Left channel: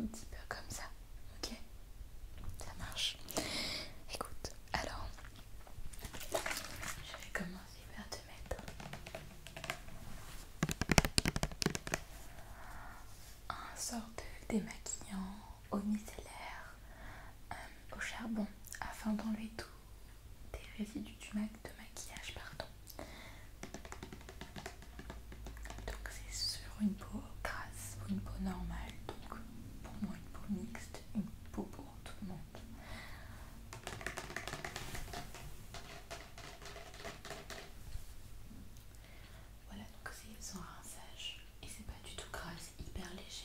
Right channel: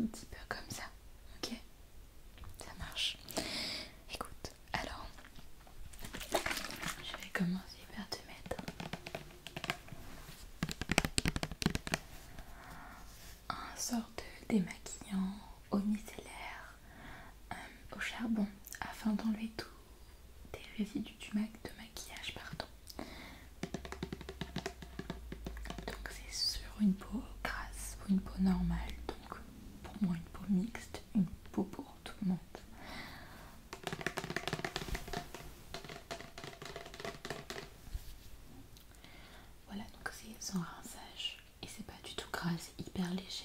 tout petit peu comme ça, ok? Ça marche. Écoute, alors, je vais commencer par te mettre un sort de démaquillant au micellaire au charbon afin d'enlever tous tes résidus de maquillage, pardon. Donc c'est sur une peau grasse ou une peau normale, donc pour moi une peau mixte, une peau pour tout le monde. Voilà, donc c'est sans rinçage et c'est pas du tout gras, c'est hyper léger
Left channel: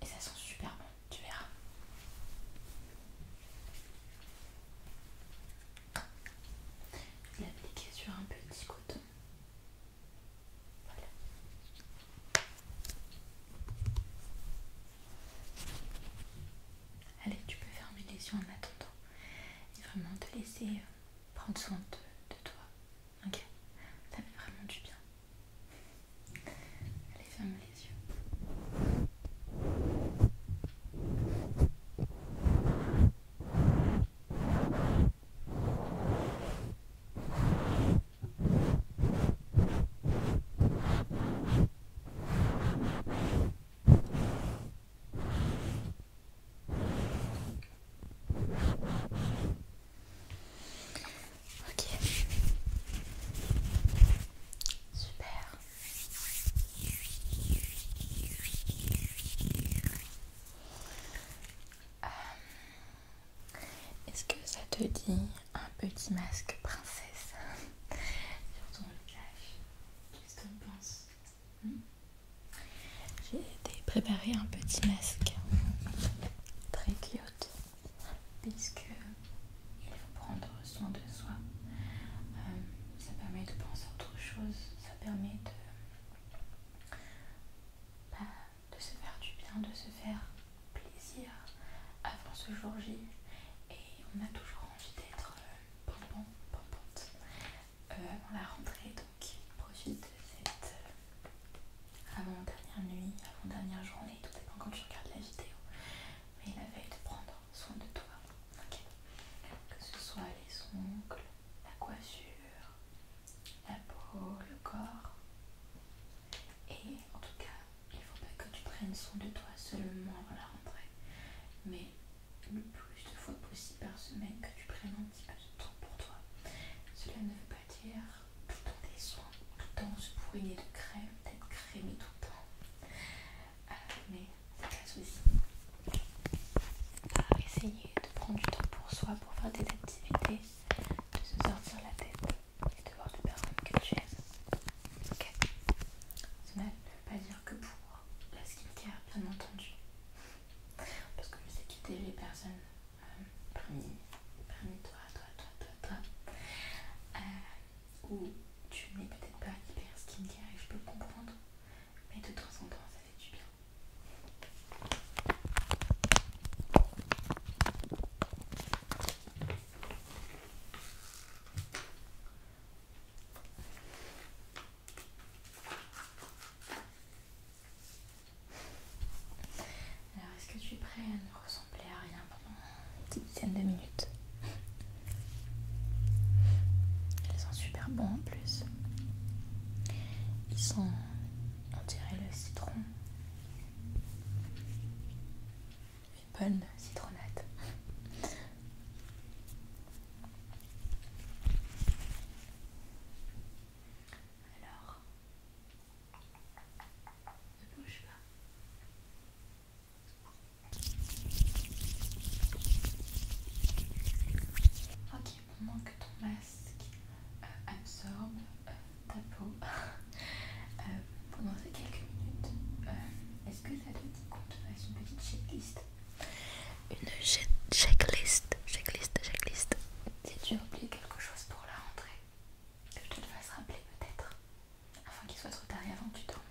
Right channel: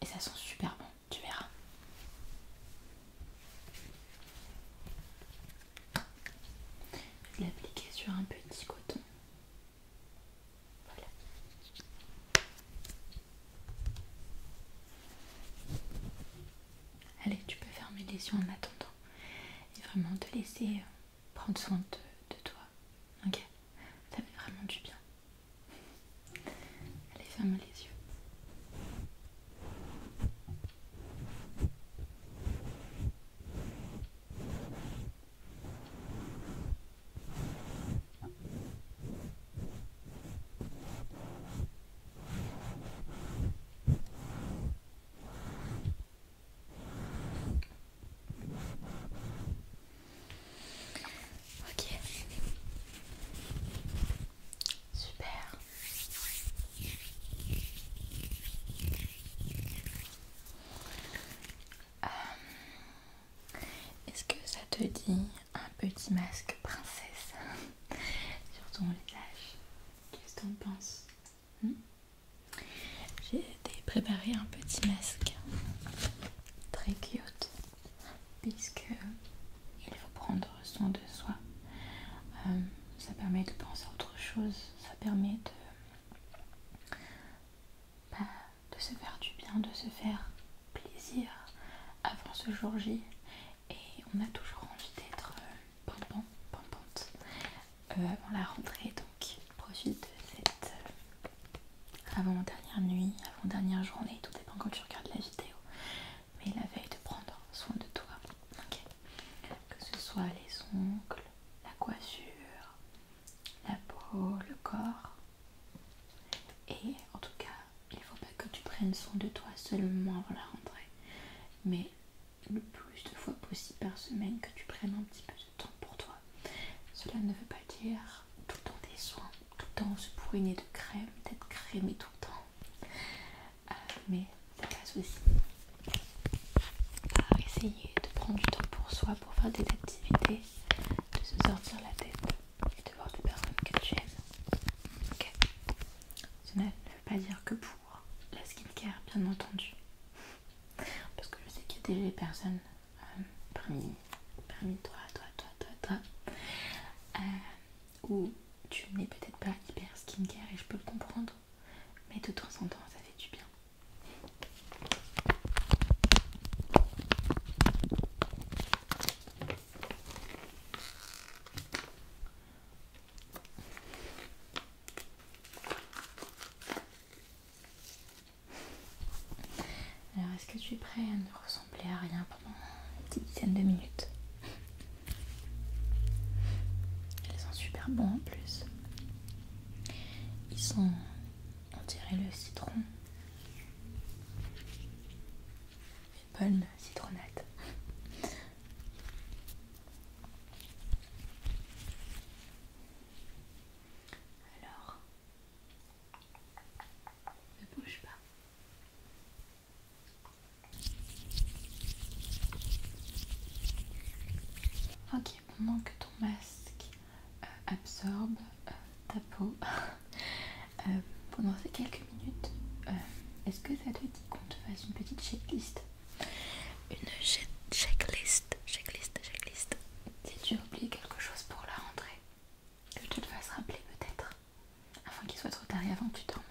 et ça sent super bon, tu verras. Je vais l'appliquer sur un petit coton. Voilà. Allez, tu peux fermer les yeux en attendant et vraiment te laisser prendre soin de toi. Ok, ça fait vraiment du bien. Allez, ferme les yeux. Ok, super. Est-ce que ça te dit un petit masque princesse sur ton visage? Qu'est-ce que tu en penses? J'ai préparé un petit masque très cute puisque il faut prendre soin de soi. Ça permet de penser à autre chose, ça permet de se faire du bien, de se faire plaisir avant ce jour J. Et on a toujours envie d'être pimpante avant la rentrée, donc profite de cette avant-dernière nuit, avant-dernière journée, tout dépend quand tu regardes la vidéo, mais la veille de prendre soin de toi, ok? Que ce soit les ongles, la coiffure, la peau, le corps, et en tout cas, il ne faut pas que tu prennes soin de toi seulement avant la rentrée, mais le plus de fois possible par semaine que tu prennes un petit peu de temps pour toi. Cela ne veut pas dire tout le temps des soins, tout le temps se bourriner de crème, d'être crémé tout le temps. Mais ça passe aussi par essayer de prendre du temps pour soi, pour faire des activités, de se sortir la tête et de voir des personnes que tu aimes. Ok. Cela ne veut pas dire que pour la skincare, bien entendu. Parce que je sais qu'il y a des personnes parmi toi, où tu n'es peut-être pas hyper skincare et je peux le comprendre, mais de temps en temps ça fait du bien. Alors est-ce que tu es prêt à ne ressembler à rien pendant une petite dizaine de minutes? Ils sont super bons en plus. Ils sont, on dirait le citron. Une bonne citronnade. Alors, ne bouge pas. Ok, pendant que ton masque absorbe ta peau pendant ces quelques minutes, est-ce que ça te dit qu'on te fasse une petite checklist? Une checklist. Si tu as oublié quelque chose pour la rentrée, que je te le fasse rappeler peut-être, afin qu'il soit trop tard et avant que tu dormes.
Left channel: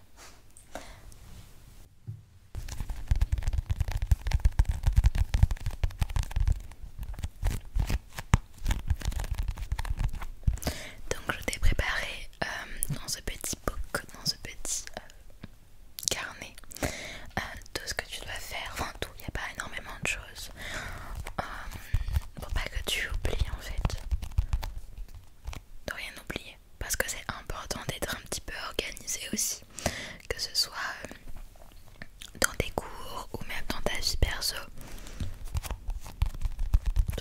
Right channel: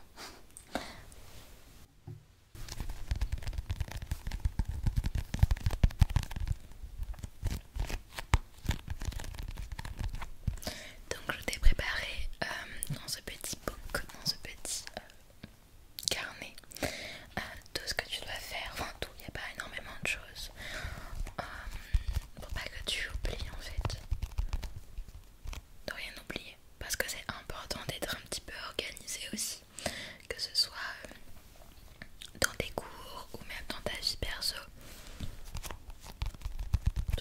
Donc je t'ai préparé dans ce petit book, dans ce petit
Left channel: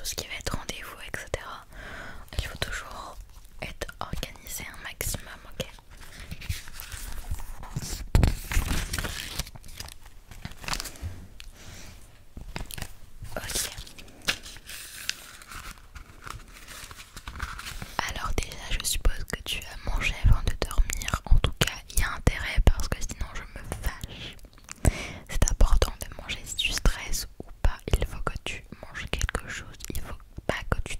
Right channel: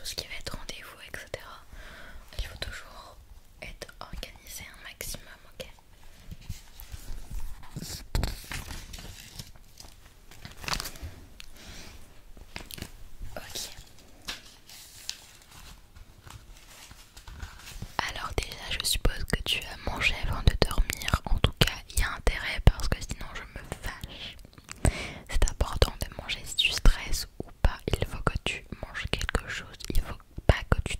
ce qui va être rendez-vous, etc. Il faut toujours être organisé un maximum, ok? Ok. Alors déjà, je suppose que tu as mangé avant de dormir. En tout cas, il y a intérêt parce que sinon je me fâche. C'est important de manger si tu stresses ou pas. Il faut que tu manges quelque chose. Il faut pas que tu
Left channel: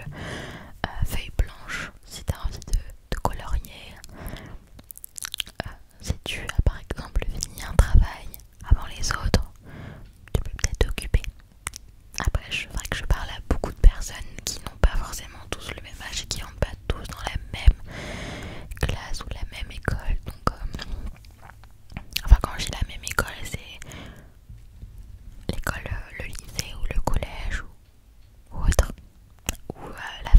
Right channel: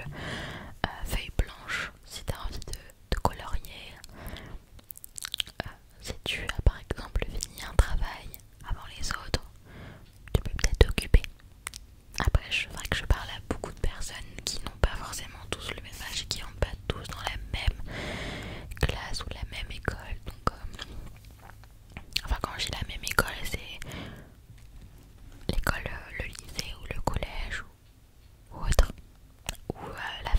exemple feuille blanche si tu as envie de colorier. Si tu as par exemple fini un travail avant les autres, tu peux peut-être t'occuper. Après, c'est vrai que je parle à beaucoup de personnes qui n'ont pas forcément tous le même âge et qui n'ont pas tous dans la même classe ou la même école. Donc, enfin, quand j'ai la même école, c'est l'école, le lycée ou le collège ou autre, ou la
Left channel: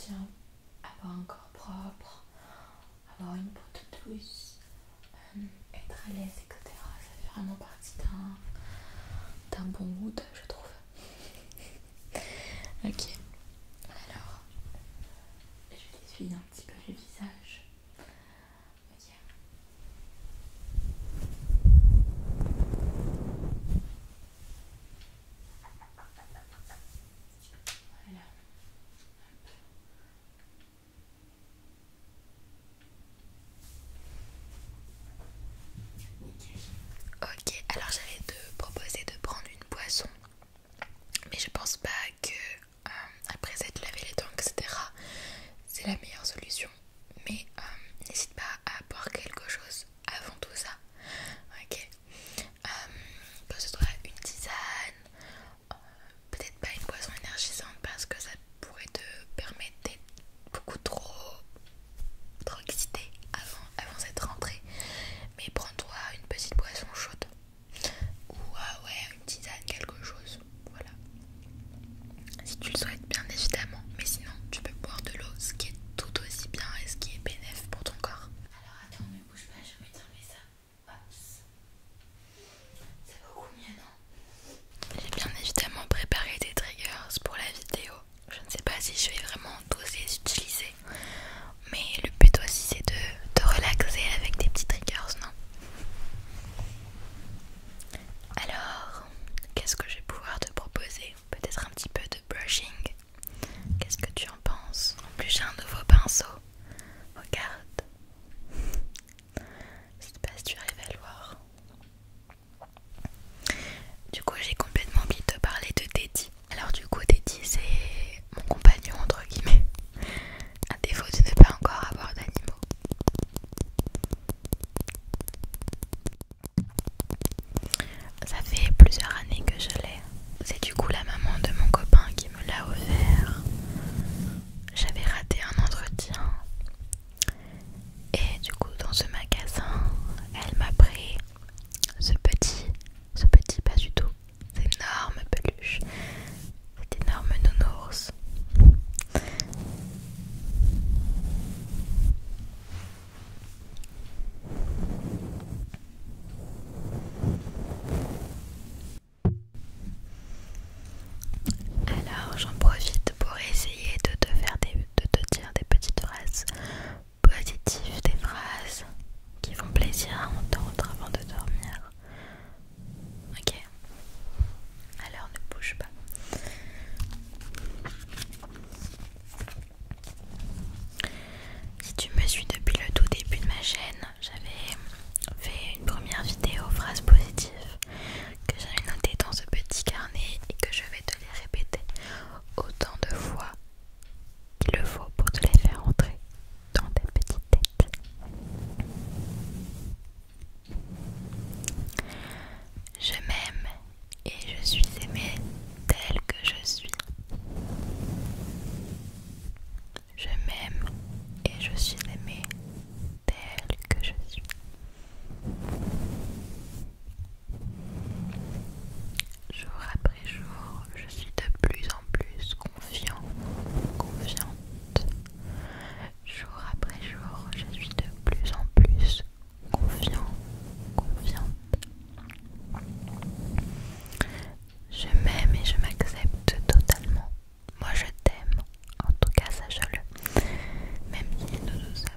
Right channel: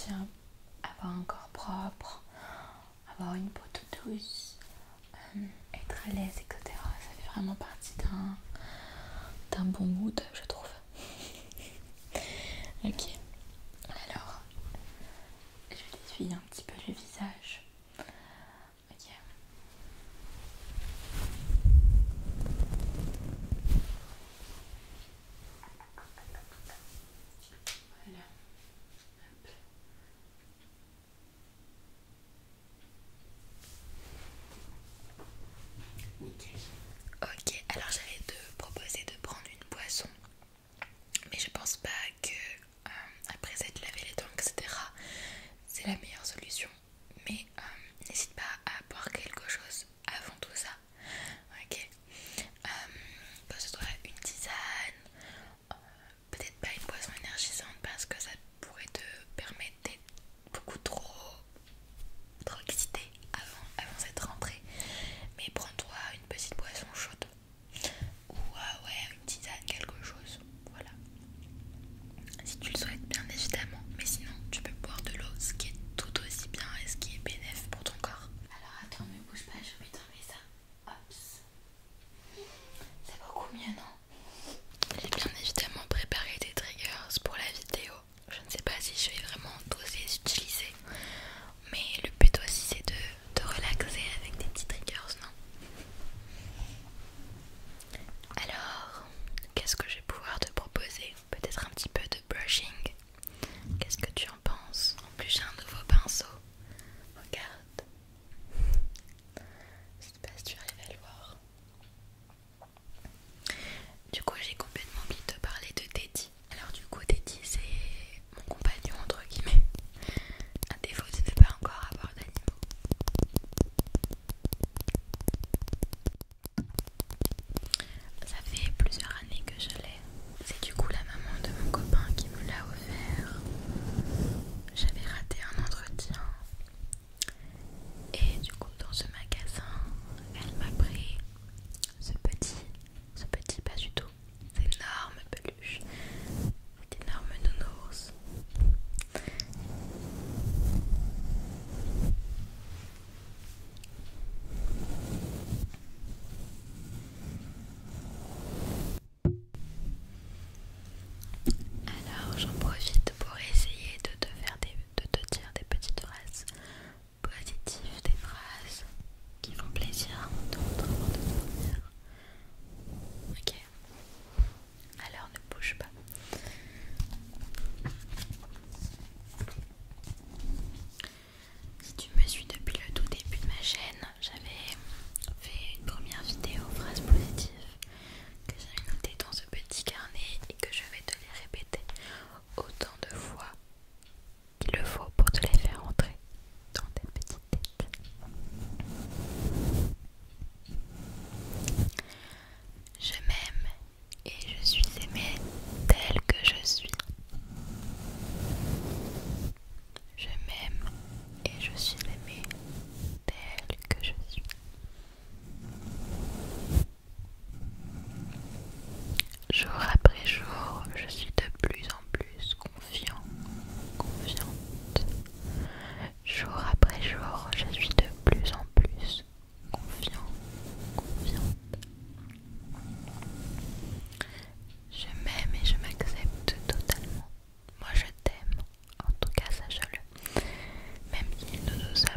sentir avoir un corps propre, avoir une peau toute douce, être à l'aise, etc. Ça fait vraiment partie d'un bon mood, je trouve. Ok, alors je t'essuie un petit peu le visage. Ok. Voilà. Ok, alors j'allais te proposer de prendre une boisson, mais je pense pas que après s'être lavé les dents, etc., c'est la meilleure solution. Mais n'hésite pas à boire quelque chose avant tout ça. Ok. Que ce soit une tisane, peut-être pas une boisson énergisante parce que ça pourrait te permettre d'être beaucoup trop excité avant cette rentrée. Mais prends-toi une petite boisson chaude ou ouais, une tisane, quelque chose. Voilà. Si tu le souhaites, bien évidemment. Mais sinon, tu peux boire de l'eau, ce qui est tout aussi bien et ce qui est bénéfique pour ton corps. Alors attends, ne bouge pas, je vais t'enlever ça. Hops. C'est beaucoup mieux, non? J'ai bien évidemment préparé des triggers pour la vidéo. Je ne sais pas si je vais vraiment tous les utiliser, mais le but aussi c'est de te relaxer avec des petits triggers, non? Alors, qu'est-ce que je vais pouvoir te proposer? Peut-être un petit peu de brushing. Qu'est-ce que tu en penses? En plus j'ai un nouveau pinceau. Regarde. Je sais pas si tu arrives à le voir. Du coup j'ai complètement oublié de te parler de Teddy. Alors du coup Teddy c'est mon compagnon entre guillemets. À défaut de ne pas encore avoir d'animaux. Ça fait plusieurs années que je l'ai. C'est du coup la maman de mon copain qui me l'a offert. J'avais raté un entretien. Et du coup dans ce magasin, elle m'a pris ce petit pas du tout, cette énorme peluche, cet énorme nounours. Alors j'en profite pour essayer de te dire des petites phrases positives, des phrases qui font plaisir à entendre avant de dormir. Ok, alors ne bouge pas. Si tu me suis depuis le tout début de ma chaîne, j'avais fait une première vidéo phrases positives que j'avais notées dans ce petit carnet et que je vais te les répéter autant de fois qu'il le faut pour te les faire entrer dans ta petite tête. Je m'aime et je suis aimée telle que je suis. Je m'aime et je suis aimée telle que je suis. Jour après jour, je suis de plus en plus confiante. Jour après jour, je suis de plus en plus confiante. Je m'aime et je m'accepte totalement. Moi je t'aime, en tout cas sache-le. Même si nous nous sommes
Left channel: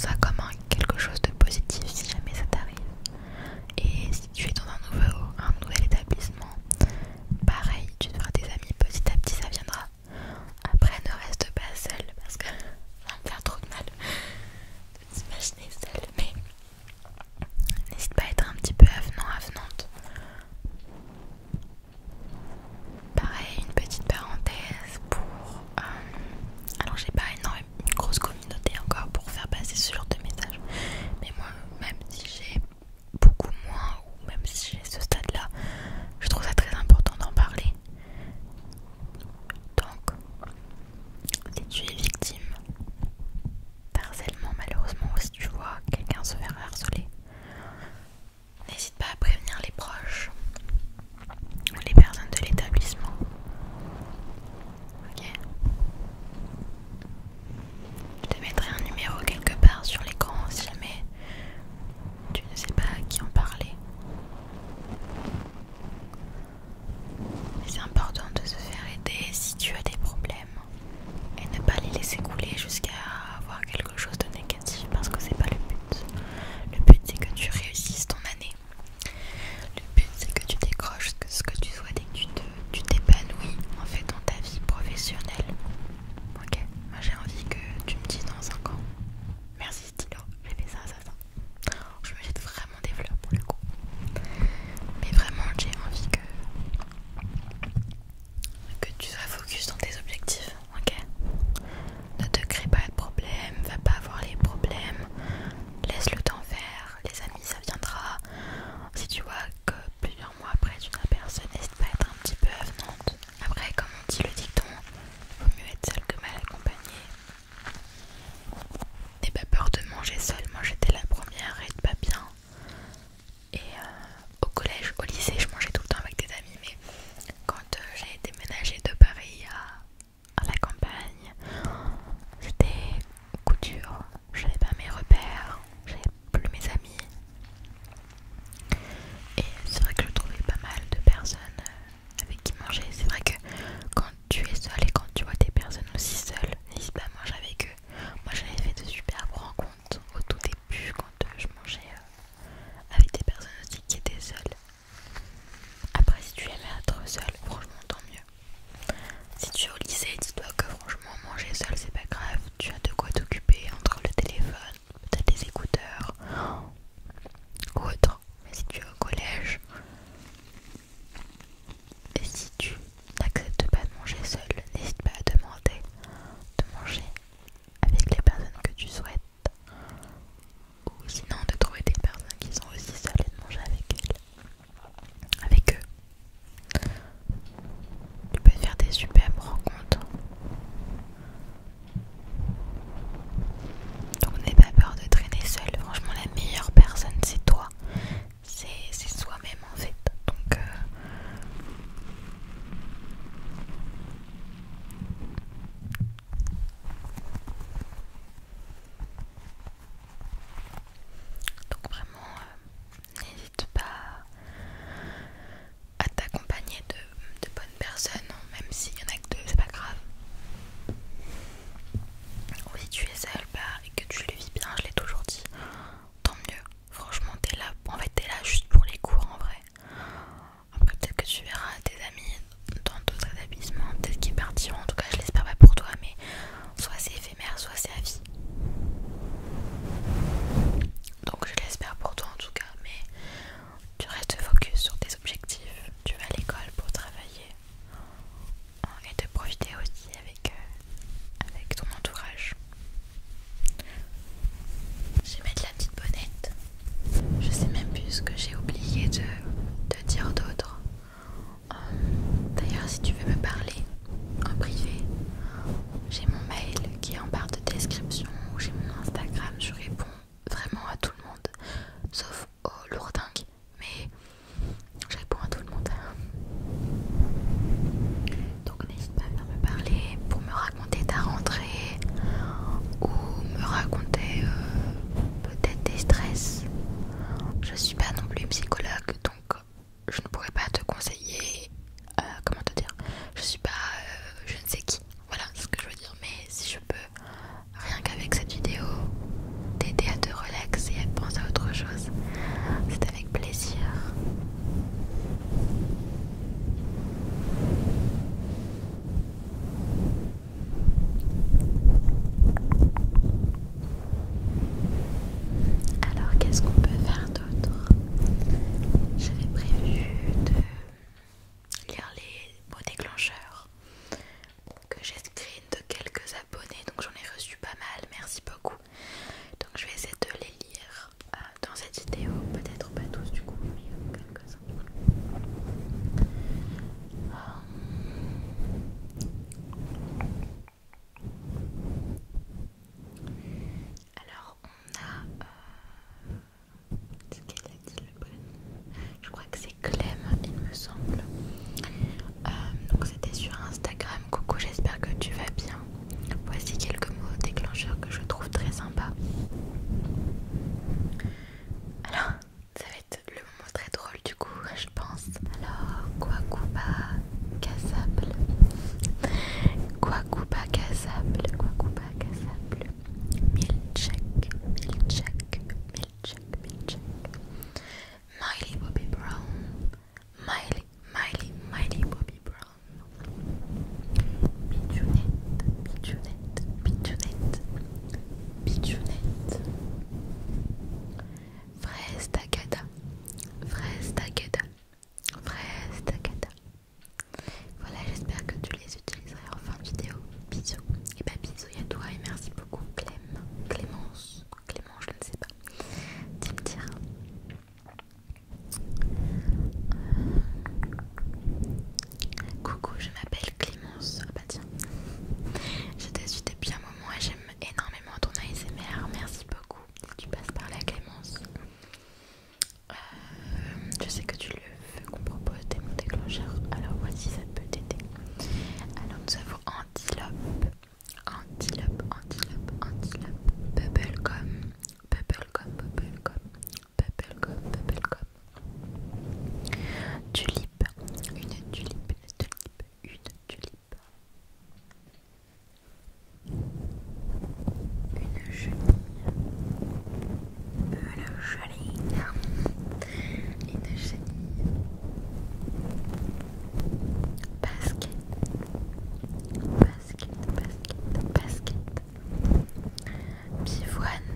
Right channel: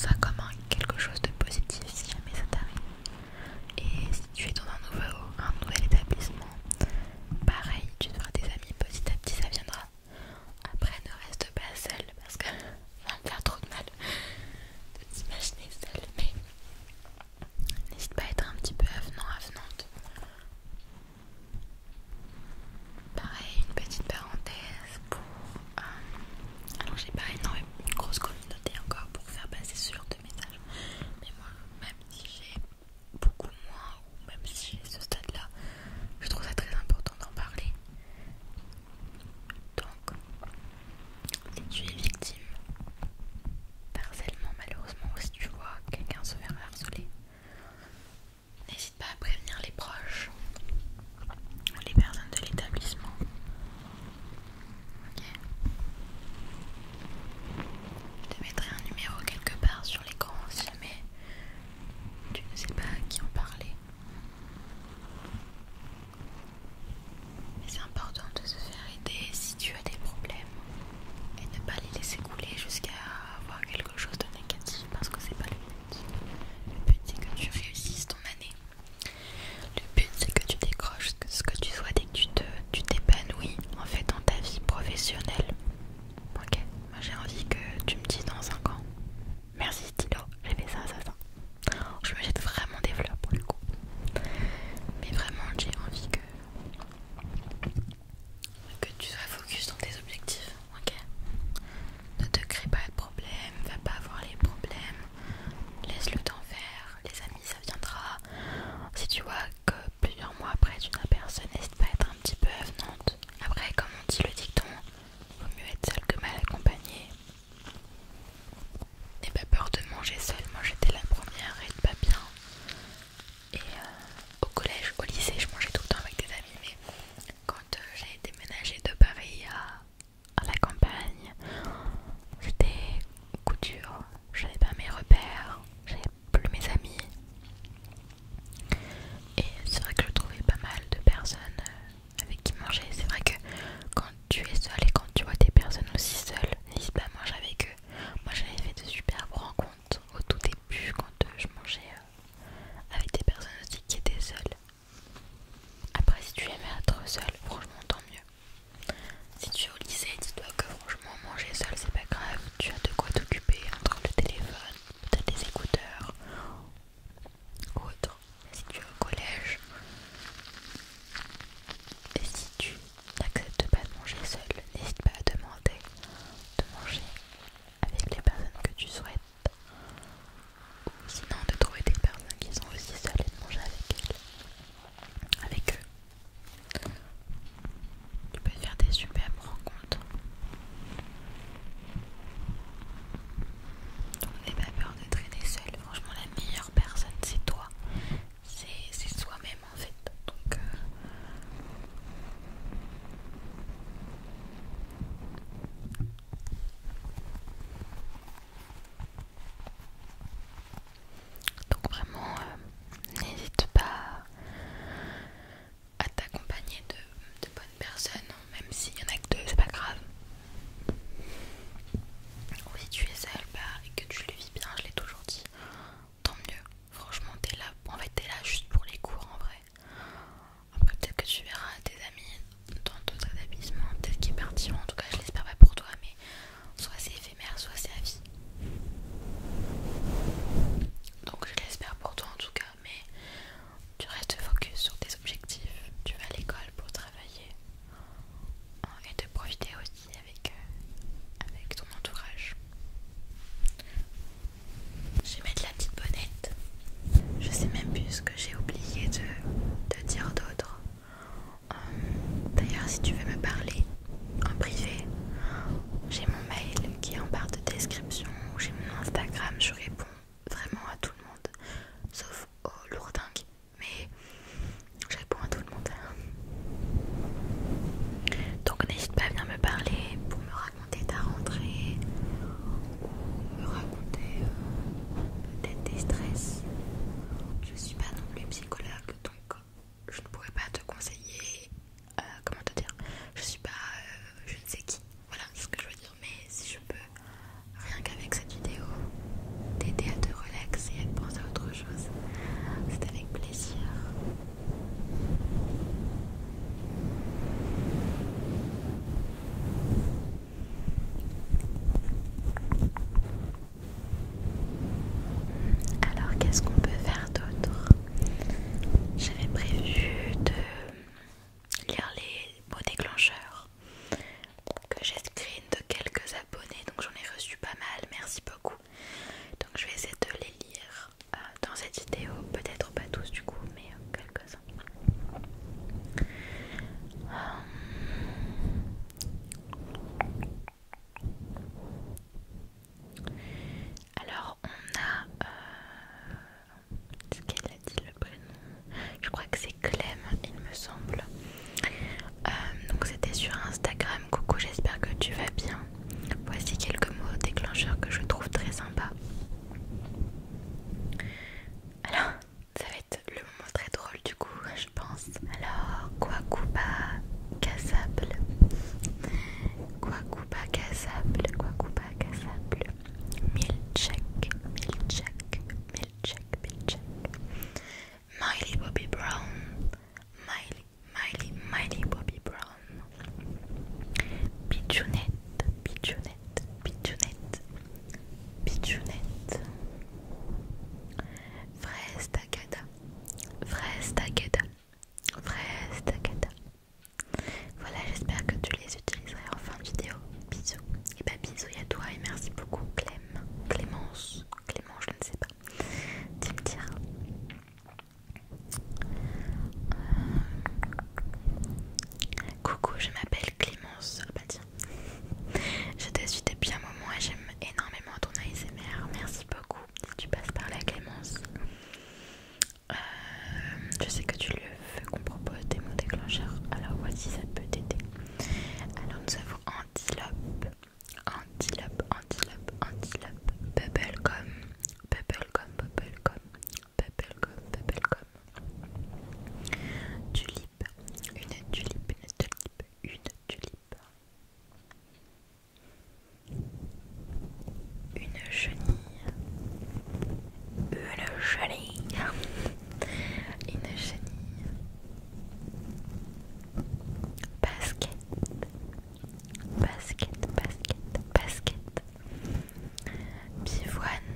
ça comme quelque chose de positif si jamais ça t'arrive. Et si tu es dans un nouvel établissement, pareil, tu te feras des amis petit à petit, ça viendra. Après, ne reste pas seul parce que ça va me faire trop de mal de t'imaginer seul. Mais n'hésite pas à être un petit peu avenant, avenante. Pareil, une petite parenthèse pour... alors j'ai pas une grosse communauté encore pour faire passer ce genre de message. Mais moi, même si j'ai beaucoup moins, ou même si j'ai ce stade-là, je trouve ça très important d'en parler. Donc, si tu es victime d'harcèlement malheureusement, ou si tu vois quelqu'un se faire harceler, n'hésite pas à prévenir les proches ou les personnes de l'établissement. Ok. Je te mettrai un numéro quelque part sur l'écran si jamais tu ne sais pas à qui en parler. Mais c'est important de se faire aider si tu as des problèmes et ne pas les laisser couler jusqu'à avoir quelque chose de négatif parce que c'est pas le but. Le but c'est que tu réussisses ton année. Le but c'est que tu décroches ce que tu souhaites et que tu t'épanouis en fait dans ta vie professionnelle. Ok, moi j'ai envie que tu me dises dans 5 ans. Merci stylo, j'ai fait ça. Je me jette vraiment des fleurs pour le coup. Mais vraiment j'ai envie que tu sois focus dans tes objectifs, ok? Ne te crée pas de problème, va pas avoir les problèmes, laisse le temps faire, les amis ça viendra. Si tu vois que plusieurs mois après tu n'as personne, n'hésite pas à être un petit peu avenante. Après, comme on dit le dicton, vaut mieux être seul que mal accompagné. N'aie pas peur de manger seule, moi j'étais la première à être pas bien. Et au collège, au lycée, je mangeais tout le temps avec des amis, mais quand j'ai déménagé de Paris à la campagne, c'était coup dur. J'avais pas mes repères, j'avais plus mes amis. Et c'est vrai que je trouvais pas mal de personnes avec qui manger. C'est vrai que quand tu es seule et quand tu vois des personnes aussi seules, n'hésite pas à manger avec eux. Moi j'avais fait de superbes rencontres au tout chenille. Une chenille. Basket. Basket, basket, basket. Pivoine.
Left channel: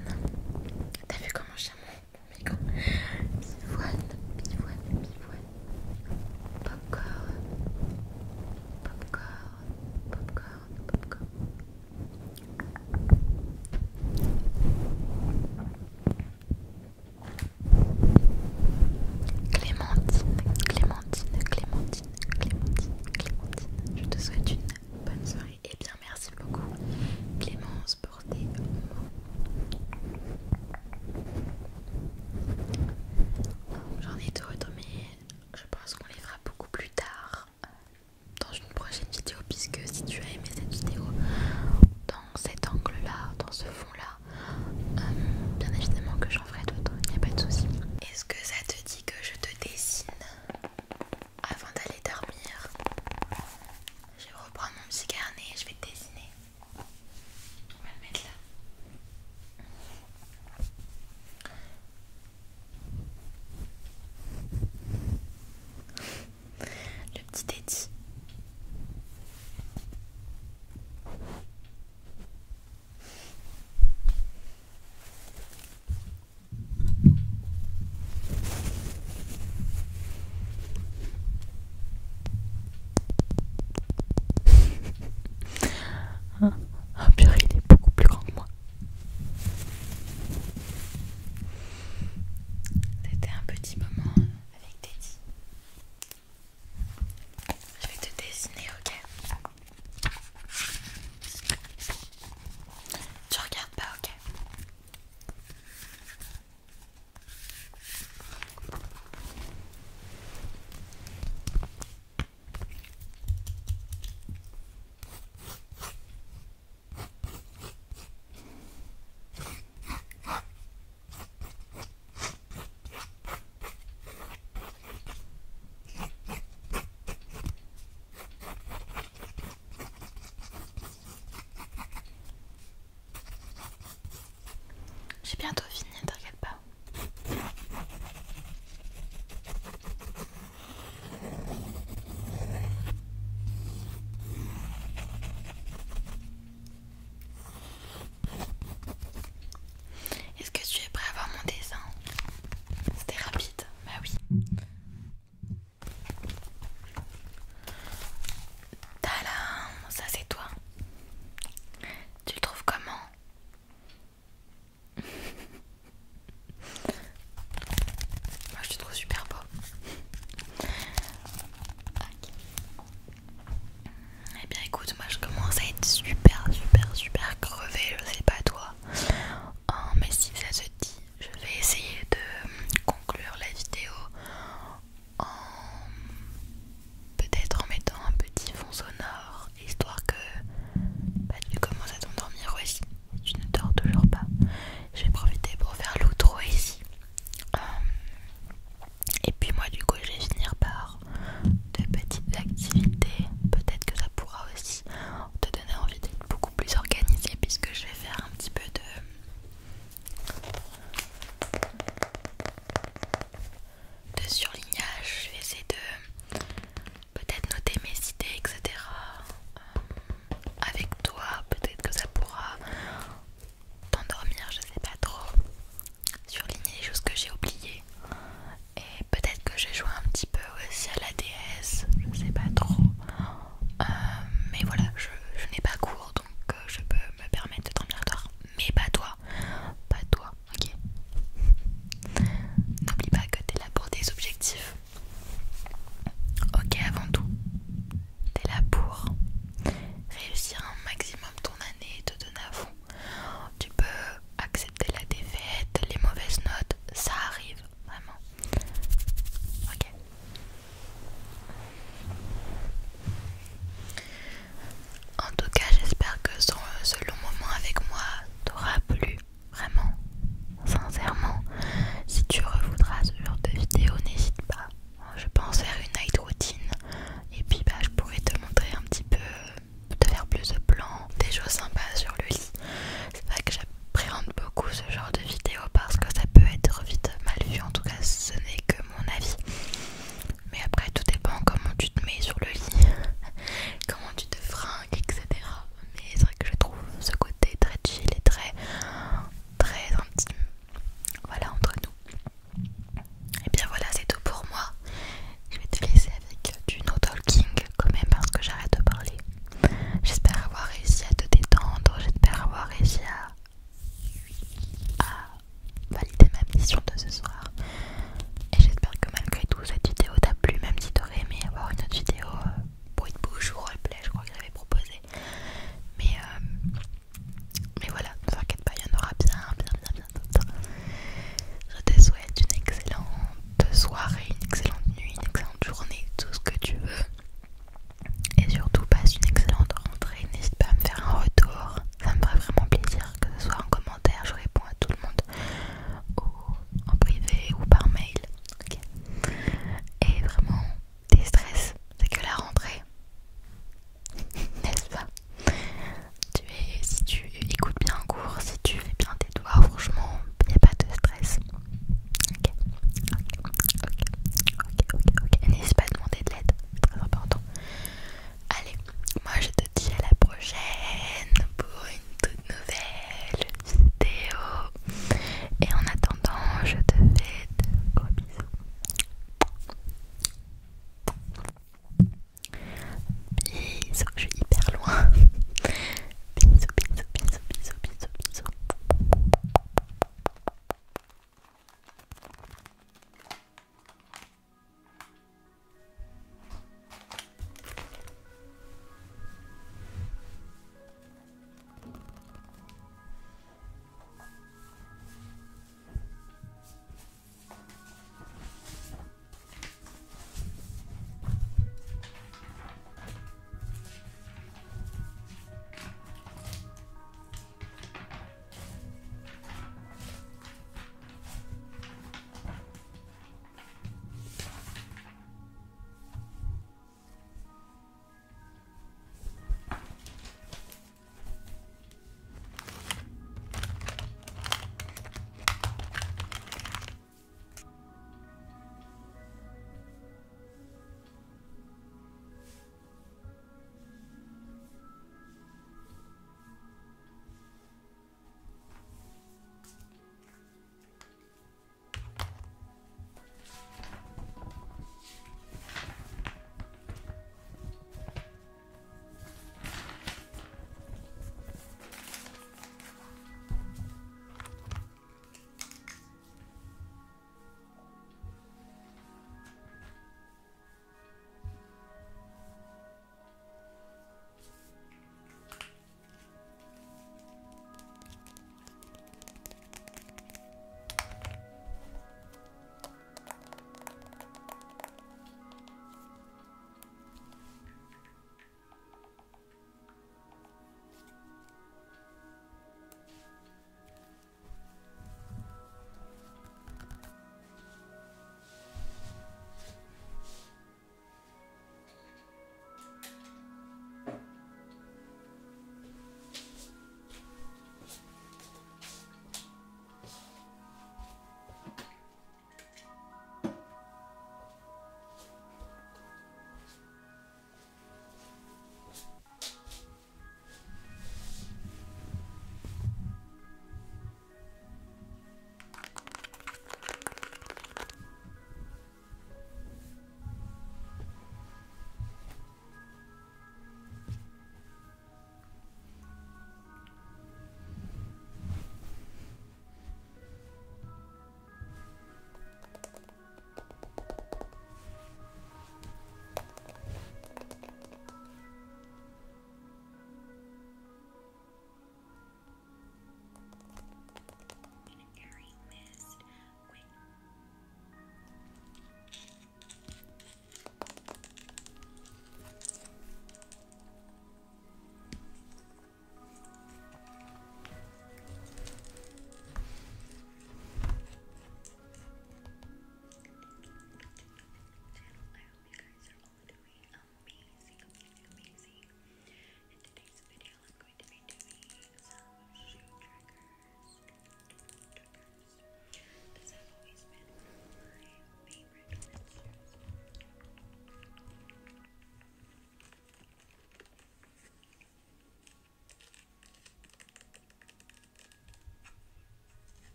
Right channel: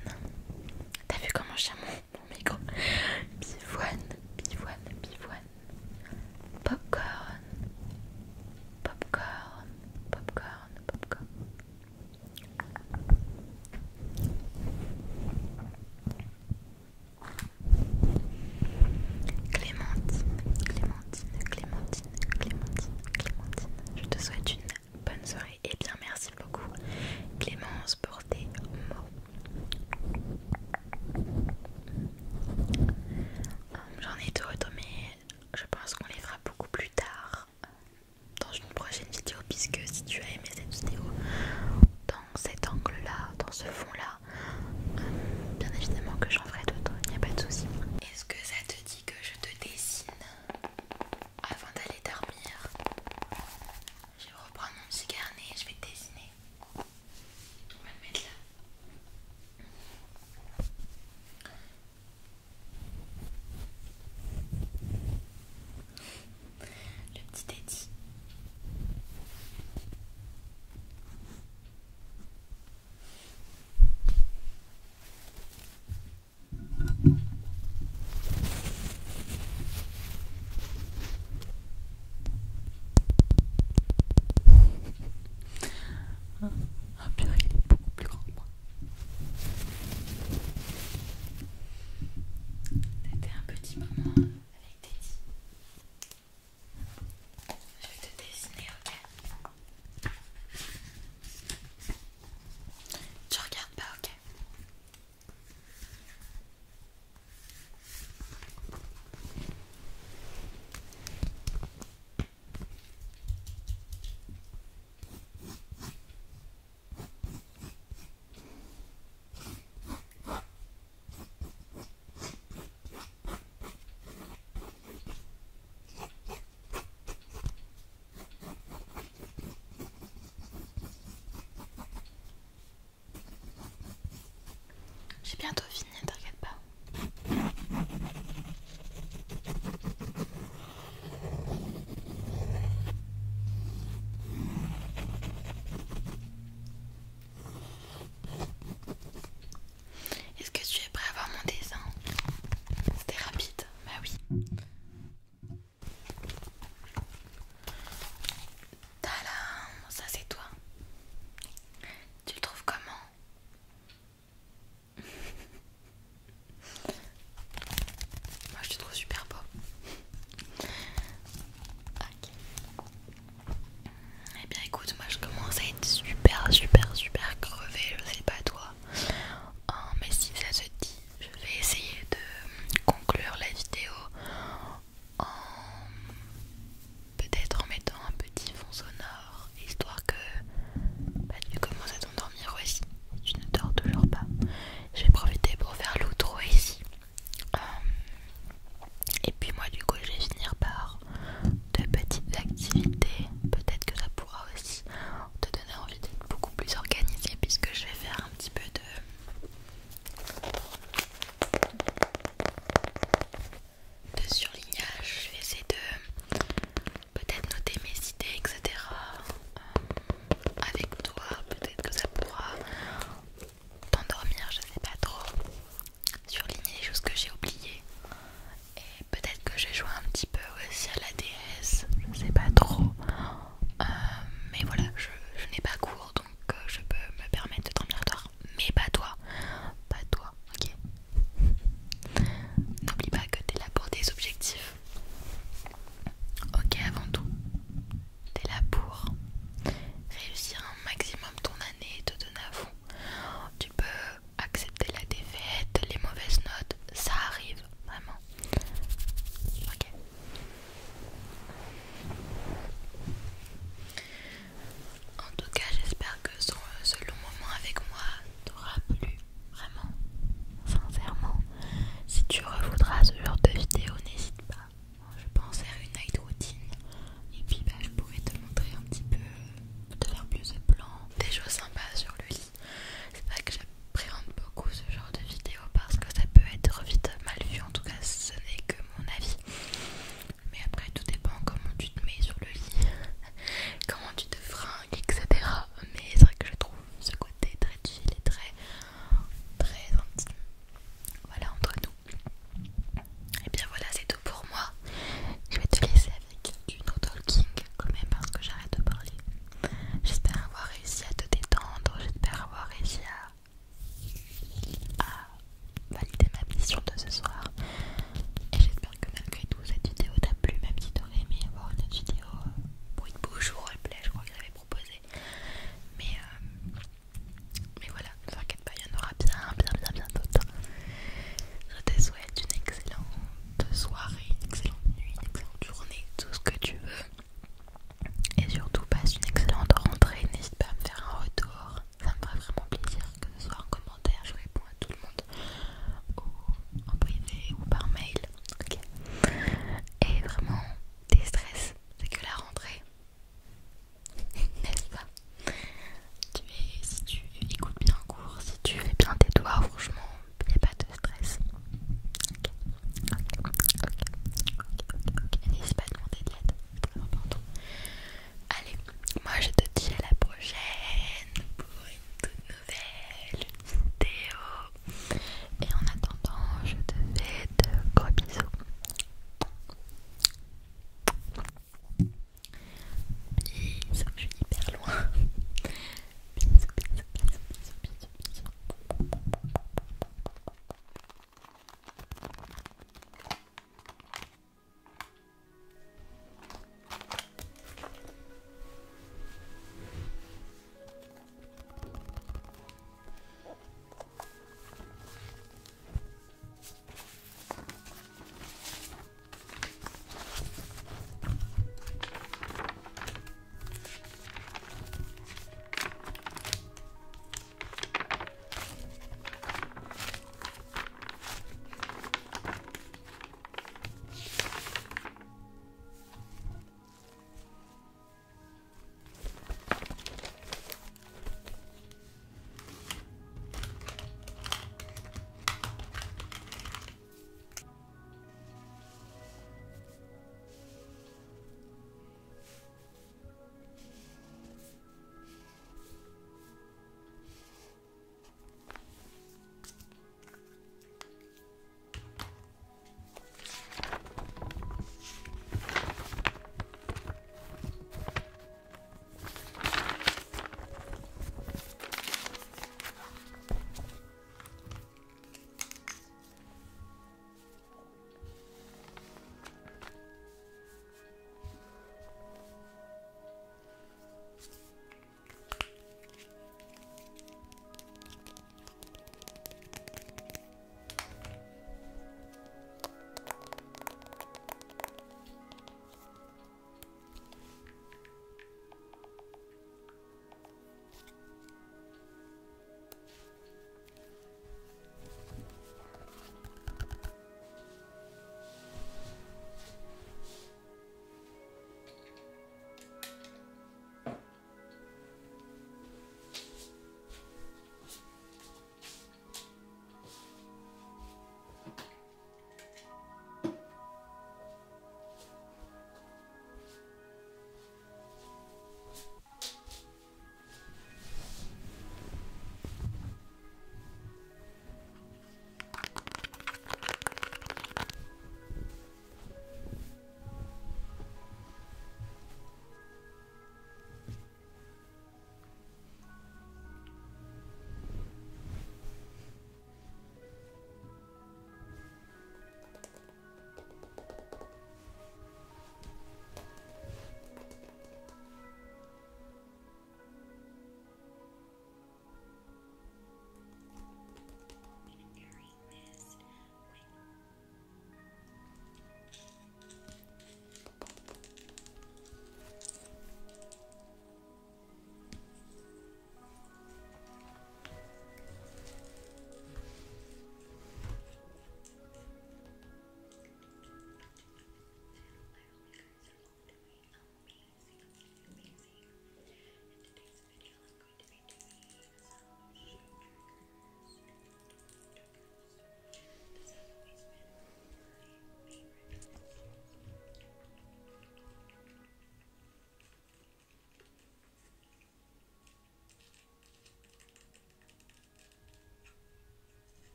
T'as vu comment je tiens mon micro? Pivoine, pivoine, pivoine. Popcorn. Popcorn, popcorn, popcorn. Clémentine, Clémentine, Clémentine, Clémentine, Clémentine. Je te souhaite une bonne soirée et bien merci beaucoup Clémence pour tes mots. J'en ai d'autres mais je pense qu'on les fera beaucoup plus tard dans une prochaine vidéo, puisque si tu as aimé cette vidéo dans cet angle là, dans ce fond là, bien évidemment que j'en ferai d'autres, il n'y a pas de souci. Est-ce que ça te dit que je te dessine avant d'aller dormir? Je vais reprendre mon petit carnet et je vais te dessiner. On va le mettre là. Le petit Teddy. Ah purée, il est beaucoup plus grand que moi. C'était un petit moment avec Teddy. Je vais te dessiner, ok? Tu regardes pas, ok? J'ai bientôt fini, ne t'inquiète pas. Est-ce que tu es prêt à voir mon dessin? C'était rapide, bah oui. Tadam, ça c'est toi. Tu le trouves comment? Moi je te trouve super beau. Ok. Eh bien écoute, moi je commence à être super crevée, je sais pas toi. Mais si ça se dit, je vais essayer de conclure la vidéo en peut-être en mettant un petit fond sonore, histoire que tu commences à t'endormir aussi. Si tu ne dors toujours pas, je vais profiter pour faire l'outro ici. Et puis moi du coup je vais finir par de petites activités. Peut-être que ça pourra aussi te donner envie d'être beaucoup plus organisé, puisque je vais faire un petit peu de surlignage. Je vais essayer de peut-être noter mes idées, etc. Avec toi, peut-être que ça pourra t'endormir, je sais pas trop. Surligner les choses que j'ai oubliées. Et peut-être que je joue un petit peu aussi à la DS, je sais pas trop. Mais voilà, je n'ai pas cours, donc je peux me permettre de dormir tard. Mais pas toi, ok? N'oublie pas que t'es là pour tes objectifs. Ok, avant tout, t'es là pour réussir un maximum ton année et te donner à fond. Tu peux accepter la défaite, les mauvaises notes, ça arrive, vraiment. Ok. En tout cas, j'espère que ce long moment avec moi t'aura plu, vraiment, sincèrement. Si tu revoudras ce genre de vidéo, n'hésite pas. Je pense faire une night routine et puis je pourrais te montrer un petit peu, te faire plus de plans, des choses sympas sur le lit. C'est vrai que j'appréhende beaucoup ce genre de